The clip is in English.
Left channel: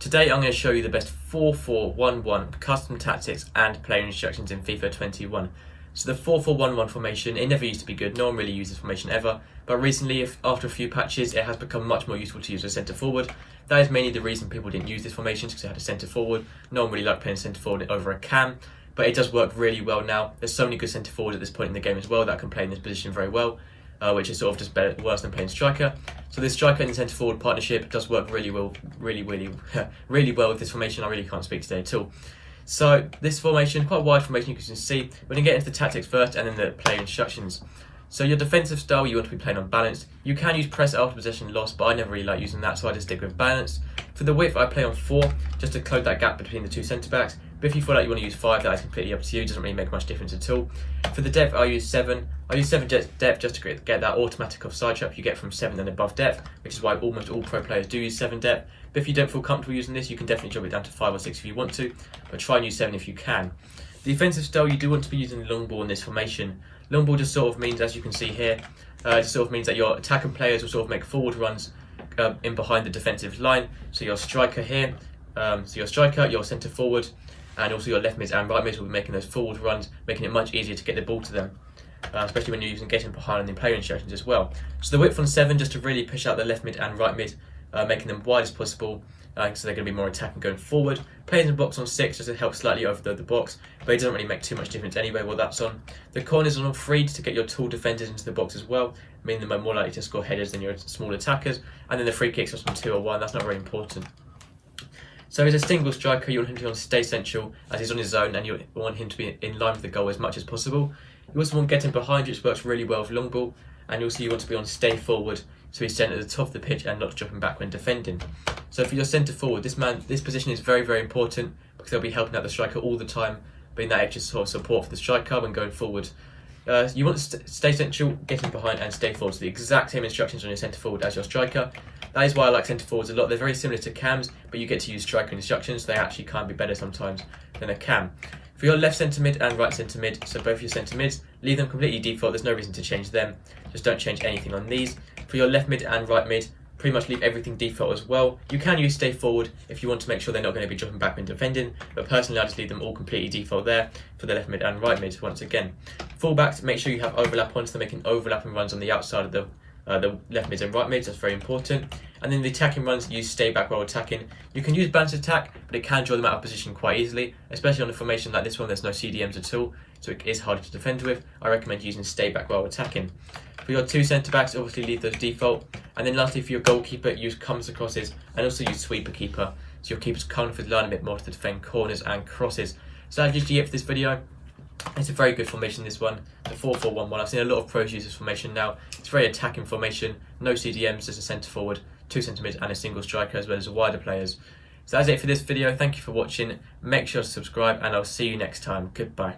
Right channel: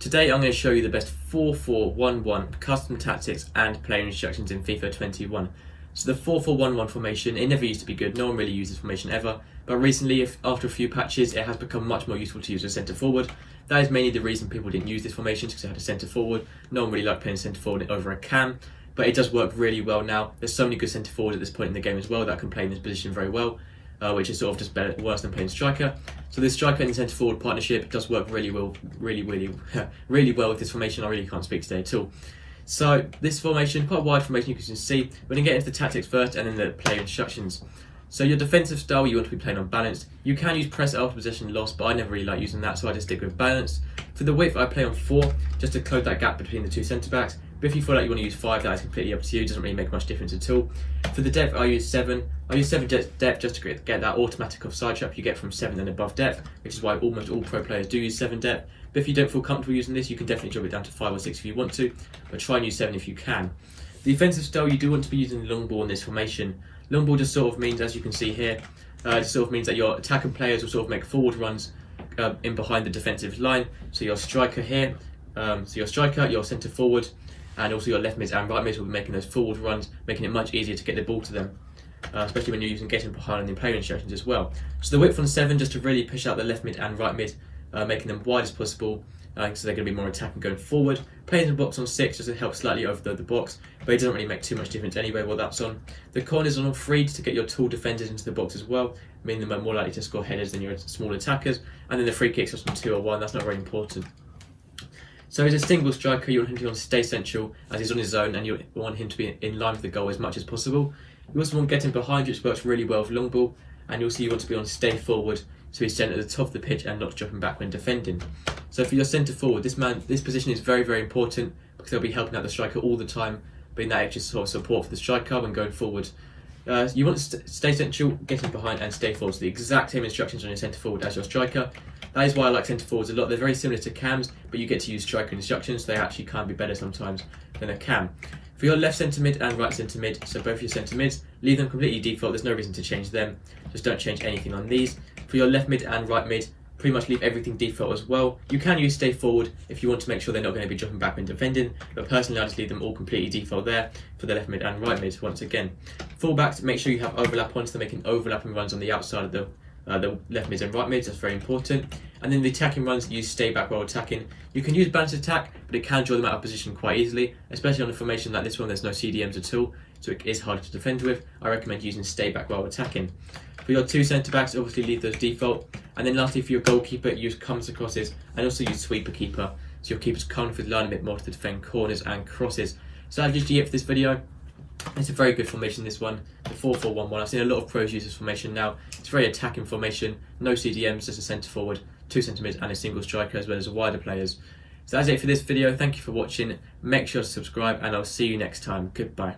Today I'm going to show you the best 4-4-1-1 custom tactics and player instructions in FIFA 21. So the 4-4-1-1 formation, it never used to be good, no one really used this formation ever, but recently after a few patches it has become much more useful to use as centre forward. That is mainly the reason people didn't use this formation, because it had a centre forward. No one really liked playing centre forward over a cam, but it does work really well now. There's so many good centre forwards at this point in the game as well that can play in this position very well. Which is sort of just worse than playing striker. So this striker and centre forward partnership does work really well, really well with this formation. I really can't speak today at all. So this formation, quite a wide formation, you can see. We're going to get into the tactics first and then the player instructions. So your defensive style, you want to be playing on balance. You can use press after possession loss, but I never really like using that, so I just stick with balance. For the width, I play on 4, just to close that gap between the two centre backs. But if you feel like you want to use 5, that is completely up to you. It doesn't really make much difference at all. For the depth, I use 7. I use 7 depth just to get that automatic offside trap you get from 7 and above depth, which is why almost all pro players do use 7 depth. But if you don't feel comfortable using this, you can definitely drop it down to 5 or 6 if you want to, but try and use 7 if you can. The defensive style, you do want to be using long ball in this formation. Long ball just sort of means, as you can see here, it sort of means that your attacking players will sort of make forward runs in behind the defensive line. So your striker here, your centre forward, and also your left mids and right mids will be making those forward runs, making it much easier to get the ball to them, especially when you're using getting behind on the player instructions as well. So the width on 7, just to really push out the left mid and right mid, making them wide as possible, so they're going to be more attacking going forward. Players in the box on 6 just to help slightly over the box, but it doesn't really make too much difference anyway while that's on. The corners on 3 to get your tall defenders into the box as well, meaning they're more likely to score headers than your small attackers. And then the free kicks on 2 or 1, that's not very important. So as a single striker, you want him to stay central as he's on his own, and you want him to be in line with the goal as much as possible. You also want getting behind, which works really well with long ball, and also you want to be on stay forward, so he's sent at the top of the pitch and not dropping back when defending. So for your centre forward, this position is very, very important, because they'll be helping out the striker all the time, being that extra sort of support for the striker when going forward. You want to stay central, getting behind and stay forward. So the exact same instructions on your centre forward as your striker. That is why I like centre forwards a lot. They're very similar to cams, but you get to use striker instructions, so they actually can be better sometimes than a cam. For your left centre mid and right centre mid, so both your centre mids, leave them completely default. There's no reason to change them. Just don't change anything on these. For your left mid and right mid, pretty much leave everything default as well. You can use stay forward if you want to make sure they're not going to be dropping back when defending, but personally I just leave them all completely default there for the left mid and right mid once again. Fullbacks, make sure you have overlap on, so they're making overlapping runs on the outside of the left mids and right mids. That's very important. And then the attacking runs, use stay back while attacking. You can use balance attack, but it can draw them out of position quite easily, especially on a formation like this one. There's no CDMs at all, so it is harder to defend with. I recommend using stay back while attacking. For your 2 centre backs, obviously leave those default. And then lastly, for your goalkeeper, use comes to crosses, and also use sweeper keeper, so your keepers come with the line a bit more to defend corners and crosses. So that's usually it for this video. It's a very good formation, this one, the 4-4-1-1. I've seen a lot of pros use this formation now. It's very attacking formation, no CDMs, just a centre forward, 2 centre mids and a single striker, as well as wider players. So that's it for this video. Thank you for watching. Make sure to subscribe, and I'll see you next time. Goodbye.